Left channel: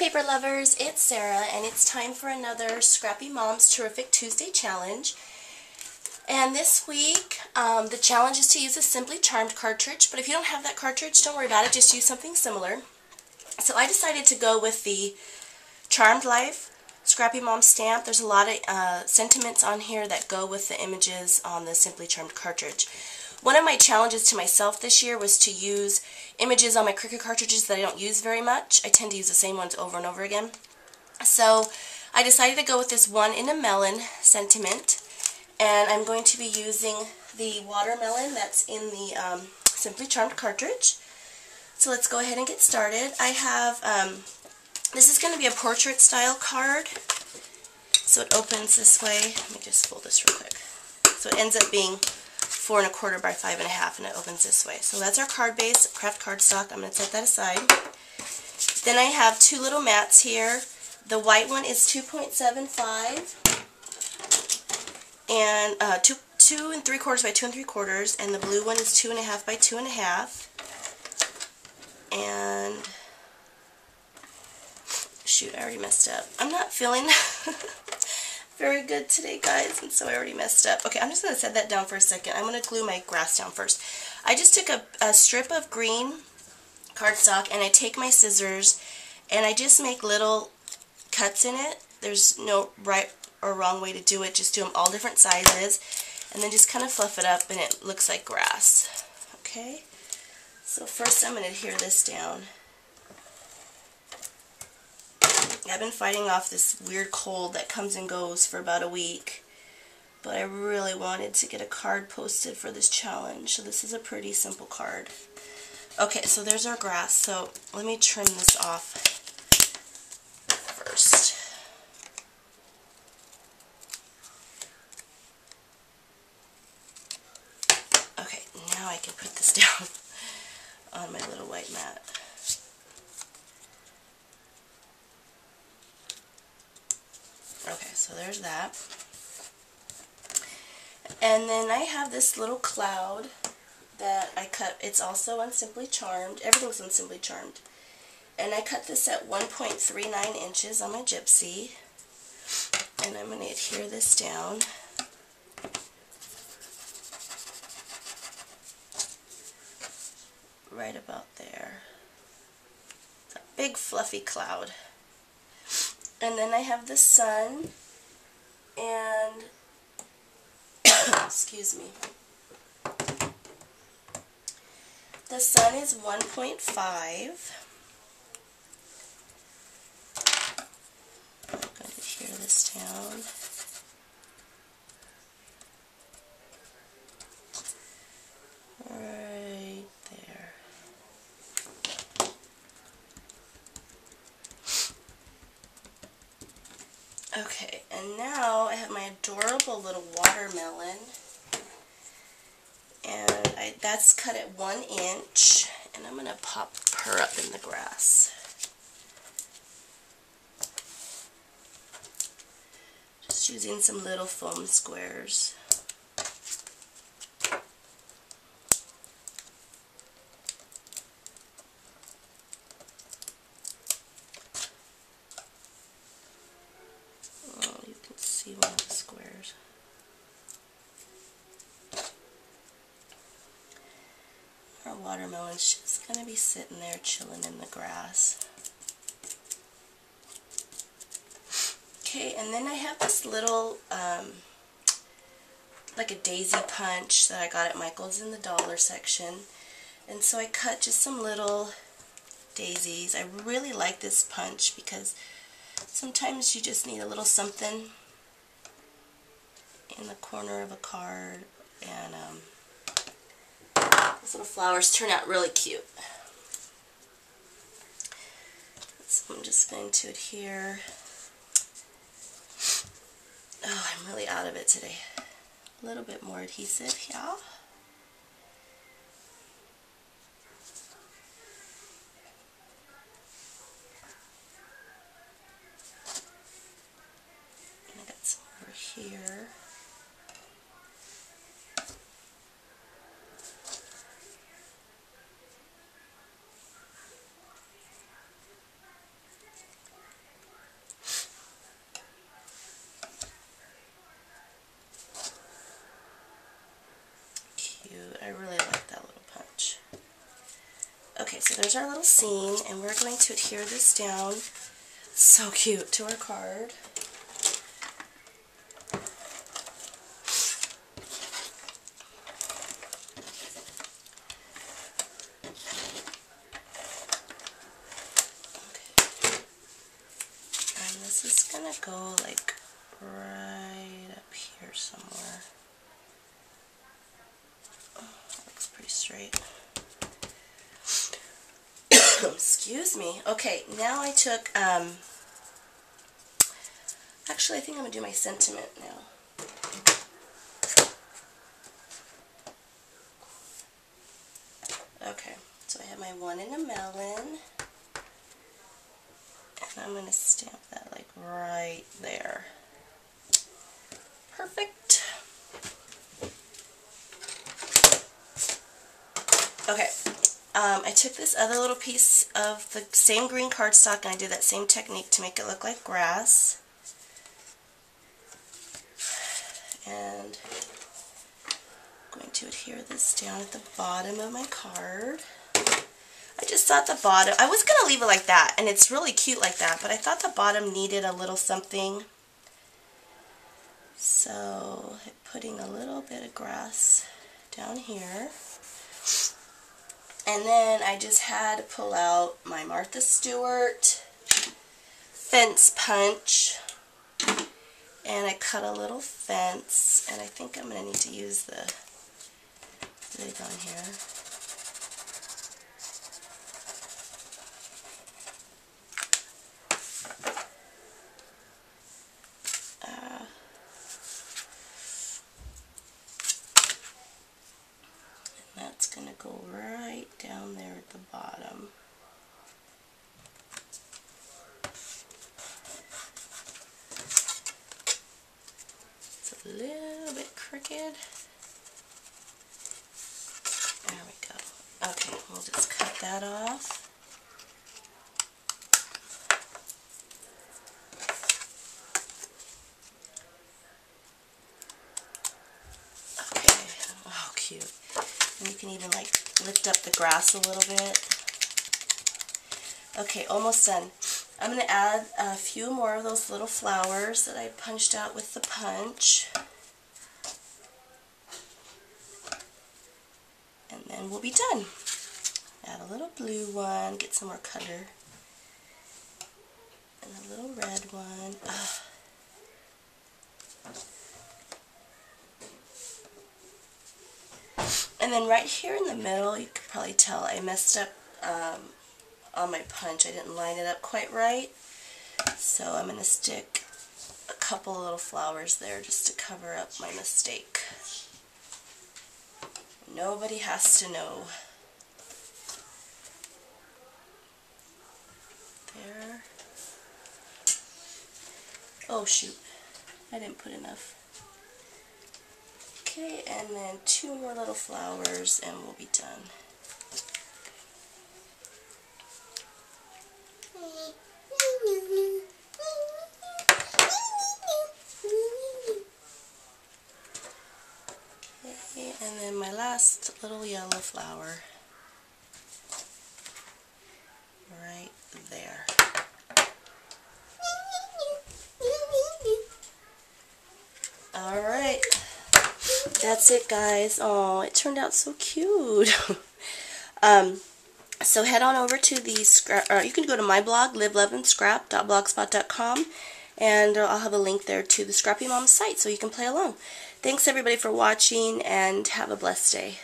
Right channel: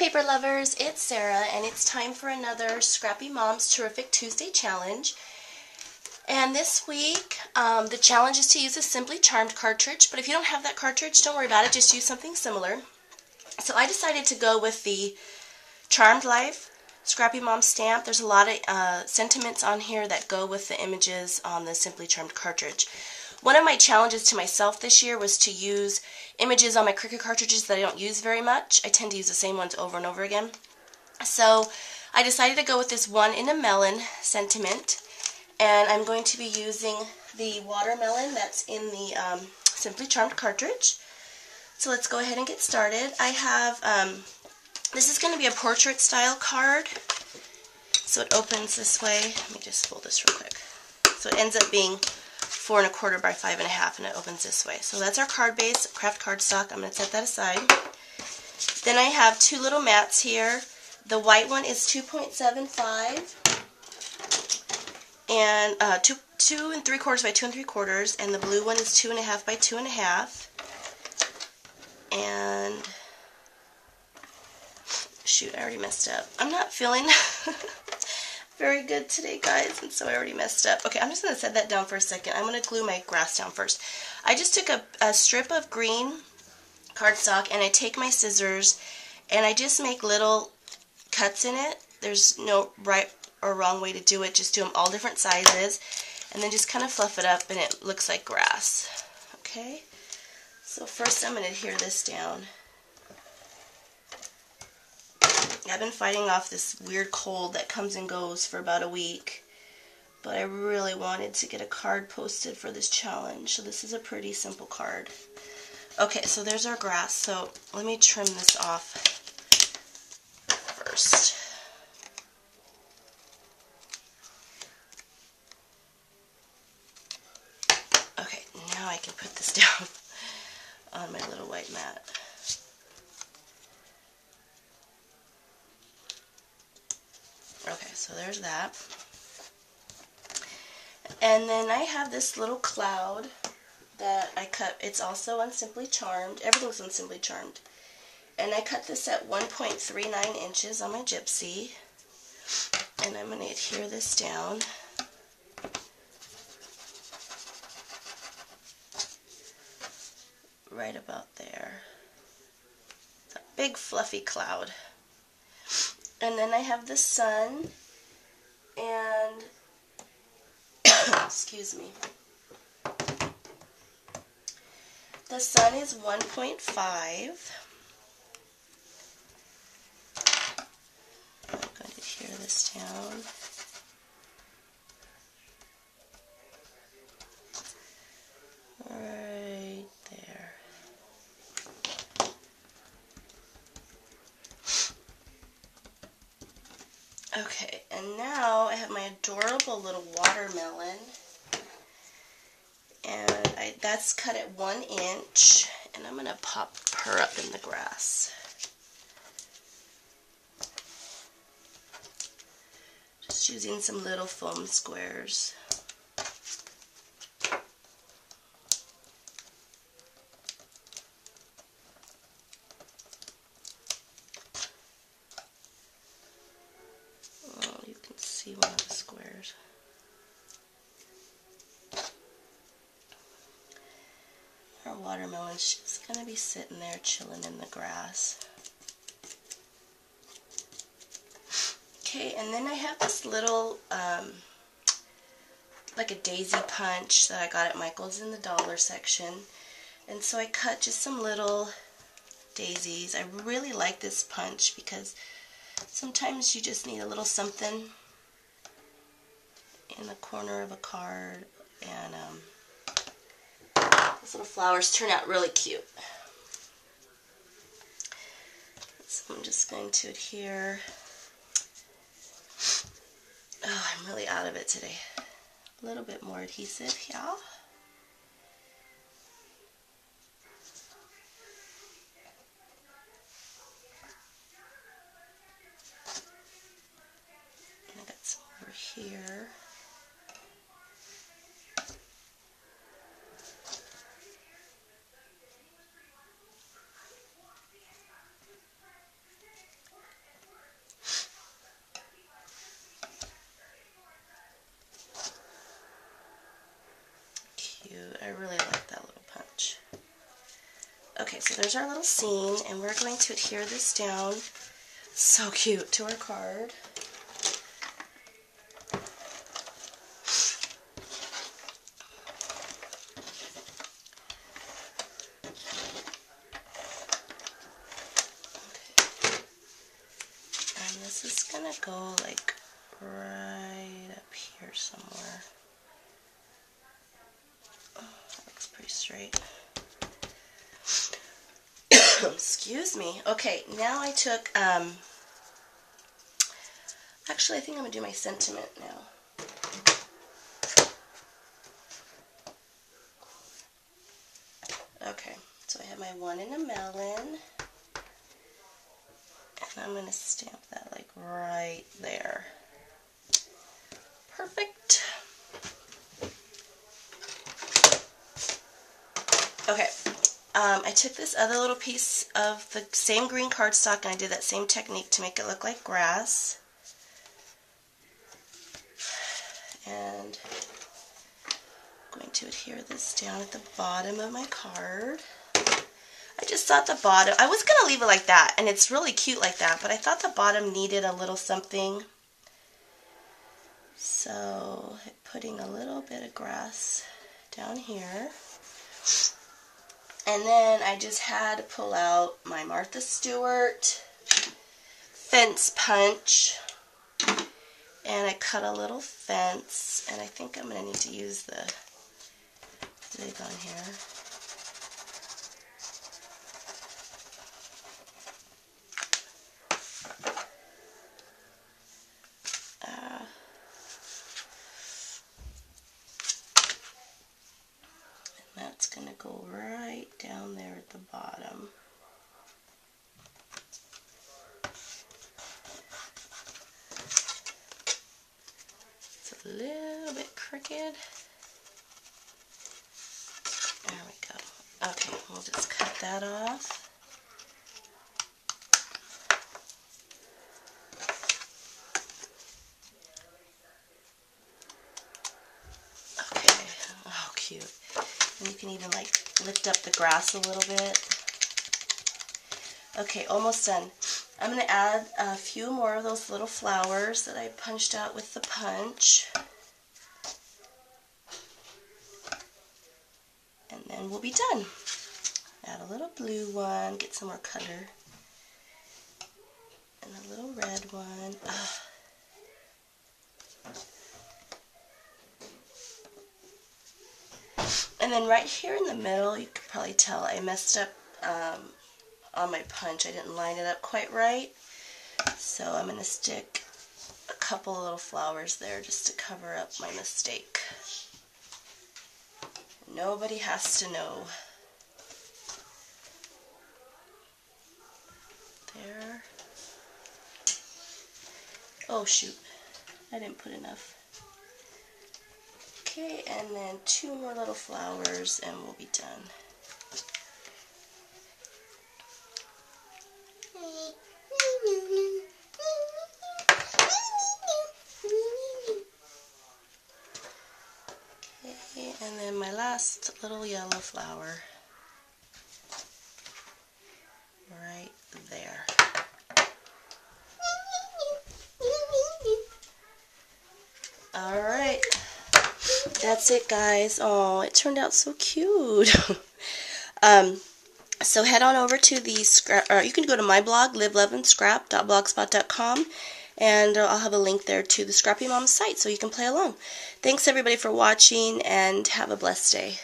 paper lovers, it's Sarah, and it's time for another Scrappy Mom's Terrific Tuesday challenge. And this week, the challenge is to use a Simply Charmed cartridge, but if you don't have that cartridge, don't worry about it, just use something similar. So I decided to go with the Charmed Life Scrappy Mom stamp. There's a lot of sentiments on here that go with the images on the Simply Charmed cartridge. One of my challenges to myself this year was to use images on my Cricut cartridges that I don't use very much. I tend to use the same ones over and over again. So I decided to go with this one in a melon sentiment, and I'm going to be using the watermelon that's in the Simply Charmed cartridge. So let's go ahead and get started. I have, this is going to be a portrait style card. So it opens this way. Let me just fold this real quick. So it ends up being 4 1/4 by 5 1/2, and it opens this way. So that's our card base, craft cardstock. I'm going to set that aside. Then I have two little mats here. The white one is 2.75 and 2 3/4 by 2 3/4, and the blue one is 2 1/2 by 2 1/2. And shoot, I already messed up. I'm not feeling very good today, guys, and so I already messed up. Okay, I'm just going to set that down for a second. I'm going to glue my grass down first. I just took a strip of green cardstock, and I take my scissors, and I just make little cuts in it. There's no right or wrong way to do it. Just do them all different sizes, and then just kind of fluff it up, and it looks like grass. Okay, so first I'm going to adhere this down. I've been fighting off this weird cold that comes and goes for about a week, but I really wanted to get a card posted for this challenge, so this is a pretty simple card. Okay, so there's our grass, so let me trim this off first. Okay, now I can put this down on my little white mat. Okay, so there's that. And then I have this little cloud that I cut. It's also on Simply Charmed. Everything's on Simply Charmed. And I cut this at 1.39 inches on my gypsy. And I'm going to adhere this down. Right about there. It's a big fluffy cloud. And then I have the sun, and excuse me, the sun is 1.5. I'm going to adhere this down. Right there. Okay, and now I have my adorable little watermelon, and that's cut at 1 inch, and I'm going to pop her up in the grass. Just using some little foam squares. See one of the squares. Our watermelon's just going to be sitting there chilling in the grass. Okay, and then I have this little, like a daisy punch that I got at Michael's in the dollar section. And so I cut just some little daisies. I really like this punch because sometimes you just need a little something in the corner of a card, and those little flowers turn out really cute. So I'm just going to adhere. Oh, I'm really out of it today. A little bit more adhesive here. And I got some over here. cute. I really like that little punch. Okay, so there's our little scene, and we're going to adhere this down, so cute, to our card. And this is going to go like right up here somewhere. Oh, that looks pretty straight. Excuse me. Okay, now I took, actually I think I'm going to do my sentiment now. Okay, so I have my one in a melon, and I'm going to stamp that like right there. Perfect. Okay. I took this other little piece of the same green cardstock and I did that same technique to make it look like grass. And I'm going to adhere this down at the bottom of my card. I just thought the bottom, I was going to leave it like that, and it's really cute like that, but I thought the bottom needed a little something. So, putting a little bit of grass down here. And then I just had to pull out my Martha Stewart fence punch, and I cut a little fence, and I think I'm going to need to use the lid on here. That's going to go right down there at the bottom. It's a little bit crooked. There we go. Okay, we'll just cut that off. Okay, oh cute. And you can even like lift up the grass a little bit. Okay, almost done. I'm going to add a few more of those little flowers that I punched out with the punch. And then we'll be done. Add a little blue one, get some more color. And a little red one. And then right here in the middle, you could probably tell I messed up on my punch. I didn't line it up quite right. So I'm going to stick a couple little flowers there just to cover up my mistake. Nobody has to know. There. Oh shoot, I didn't put enough. Okay, and then two more little flowers and we'll be done. Okay, and then my last little yellow flower right there. Alright, that's it guys. Oh, it turned out so cute. So head on over to the Scrap, or you can go to my blog, liveloveandSCRAP.blogspot.com, and I'll have a link there to the Scrappy Mom site so you can play along. Thanks everybody for watching, and have a blessed day.